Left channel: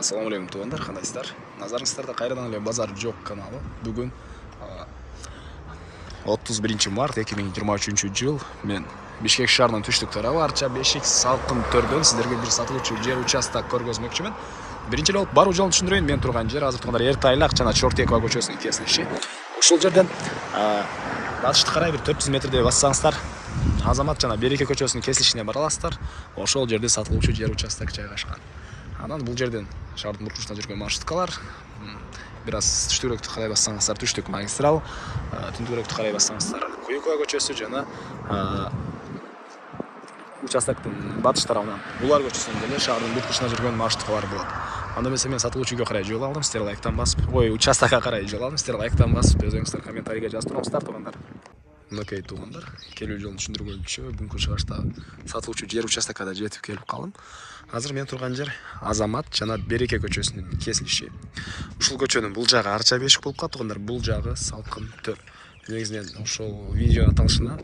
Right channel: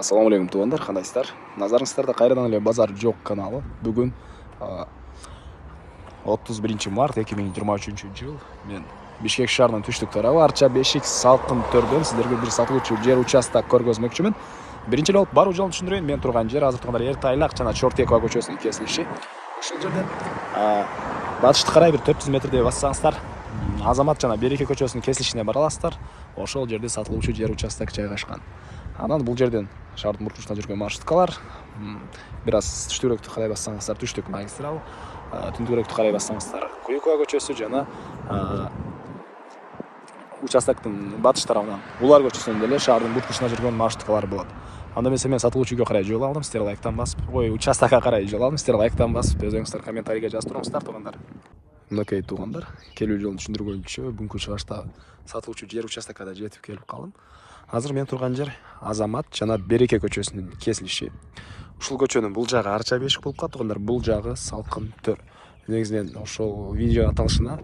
Assalamu алейкум туугандар, кандайсыздар? Назарыңыздарда кайрадан эле Базар жок каналы. Бүгүн 31 март 2023 жыл. Мен Бишкек шаарынын түштүк тарабы Арча Бешик салкын төрдөн сиздерге бир сатылуучу жер участок көргөзмөкчүмүн. Биринчи эле баруу жолун түшүндүрөйүн. Мен турган жер азыр турганда Эртайлак жана Чортекова көчөсүнүн кесилиши. Ушул жерден батышты карай бир 400 метрдей бассаңыздар Азамат жана Береке көчөсүнүн кесилишине бара аласыздар. Ошол жерде сатылуучу жер участок жайгашкан. Анан бул жерден шаардын бурчусуна жүргөн маршруткалар, бир аз түштүрөөктү карай бассаңыздар түштүк магистрал, түндүгүрөөктү карай бассаңыздар Куюкова көчөсү жана участоктун батыш тарабынан Улар көчөсүнөн деле шаардын бурчусуна жүргөн маршруткалар болот. Анда эмесе мен сатылуучу үйгө карай жол алдым, сиздер лайктан басып, участокко карай жол алдым, сиздер лайктан басып, өзүңүздөр комментарийге жазып туруңуздар туугандар. Мынакей туугандар, келүү жолун түшүндүргөнчө бүгүнкү чыгышта сатылуучу жер участокко да жетип келип калдым. Азыр мен турган жер Азамат жана Береке көчөсүнүн кесилиши. Ушул көчөнүн бул жагы Арча Бешик болуп калат туугандар, бул жагы Салкын төр. Негизинен ошол видео аталышына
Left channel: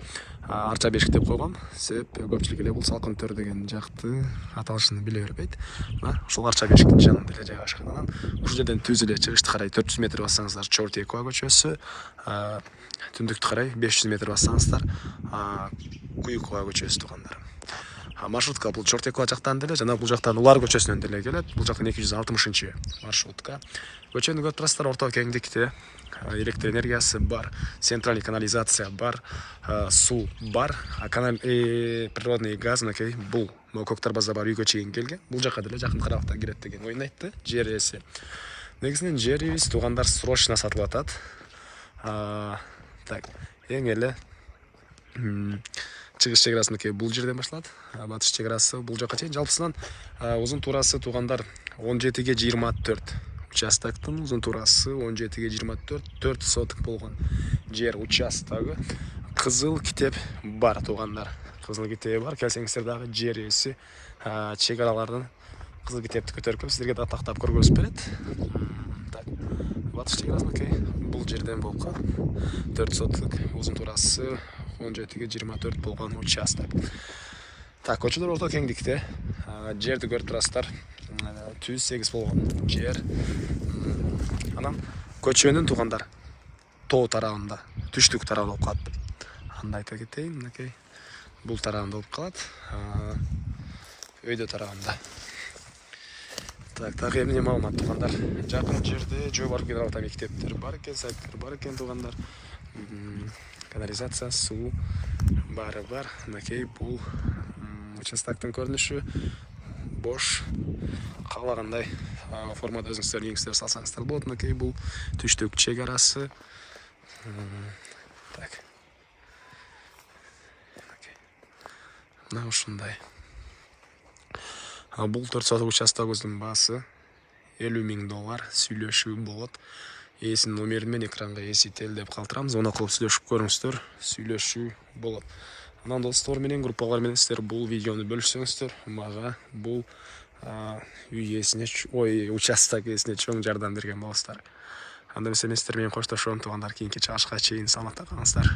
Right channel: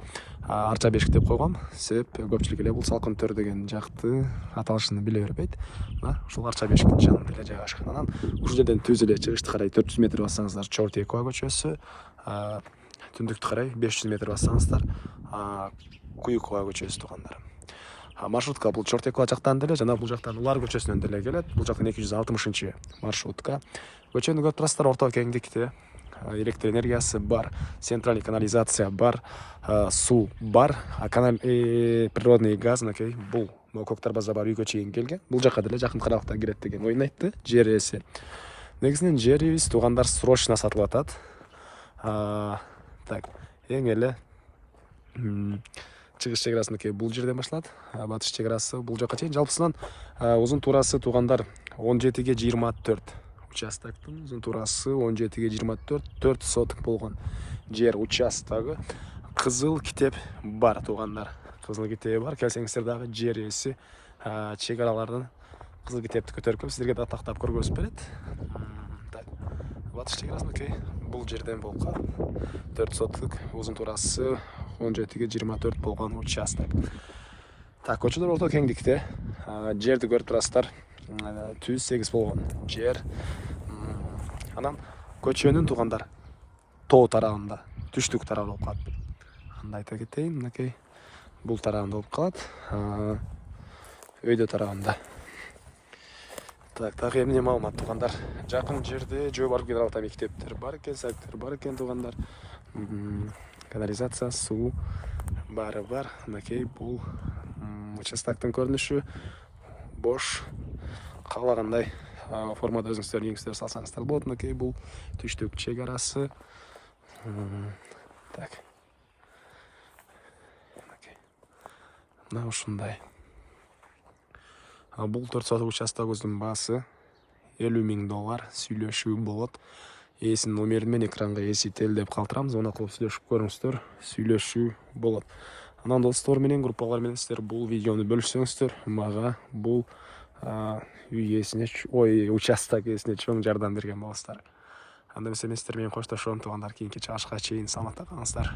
Арча Бешик деп койгом. Себеп көпчүлүк эле бул Салкын төр деген жакты аталышын биле бербейт. Ушул Арча Бешиктин жанында эле жайгашкан. Анан ушул жерден түз эле чыгышты карай 400 метр бассаңыздар Чортекова көчөсү, түндүктү карай 500 метр бассаңыздар Куюкова көчөсү туугандар. Маршрутка бул Чортекова жактан деле жана бул жактан Улар көчөсүнөн деле келет. Бул жактан 260 маршрутка. Көчөнү көрүп турасыздар, орто кеңдикте. Электр энергиясы бар, центральный канализация бар, суу бар, природный газ, мынакей бул көк тарбаза бар үйгө чейин келген. Бул жака деле жакын аралыкта кирет деген оюн айтты жер ээси. Негизинен жерибиз туугандар срочно сатылып атат. Так, эң эле чыгыш чек арасы мынакей бул жерден башталат. Батыш чек арасы бул жака чейин. Жалпысынан узун туурасы туугандар 17ге 24. Участоктун узун туурасы 17ге 24, 4 соток болгон жер участогу. Кызыл китеп бар туугандар. Кызыл китеби бар. Келсеңиздер дагы жер ээси чек аралардын кызыл китепти көтөрүп сиздерге да тактап көргөзүп берет. Так, батыш чек арасы мынакей бул жерден болуп калат. 4 соток узун туурасы 17ге 24 болгон участок. Так, көчөлөр орто кеңдикте. Жерди көрүп турасыздар. Түз 8 болгон жер. Анан көчөнүн туугандар тоо тарабында, түштүк тарабы болуп калат. Анда айта кетейин, мынакей бул тарабында болуп калат. Өйдө тарабында. Так, эмне маалымат туугандар? Жакын жерде жөө бар гидравата мектептер бар экен, сайттар бар экен туугандар. Канализация, суу баары бар. Мынакей бул участоктун көрүнүшү. Бош, каалагандай формада өзүңүздөр неңиздер салсаңыздар болот. Мынакей бул түштүк чек арасы. Так. Мына ушундай. Бул 4 соток участогубуздун баасы $50,000 сүйлөшүү болот. Ээсинин номерин мен экранга эсителдеп калтырам. Звонок кылып сүйлөшүп көрүңүздөр. Сүйлөшүү болот. Анан достор менен, группалар менен сиздер бул видеону бөлүшсөңүздөр, мага бул үй ээсине, участок ээсине чоң жардам берген болосуздар. Анда эмесе мен сиздер менен коштошом туугандар. Кийинки чыгышка чейин саламатта калыңыздар.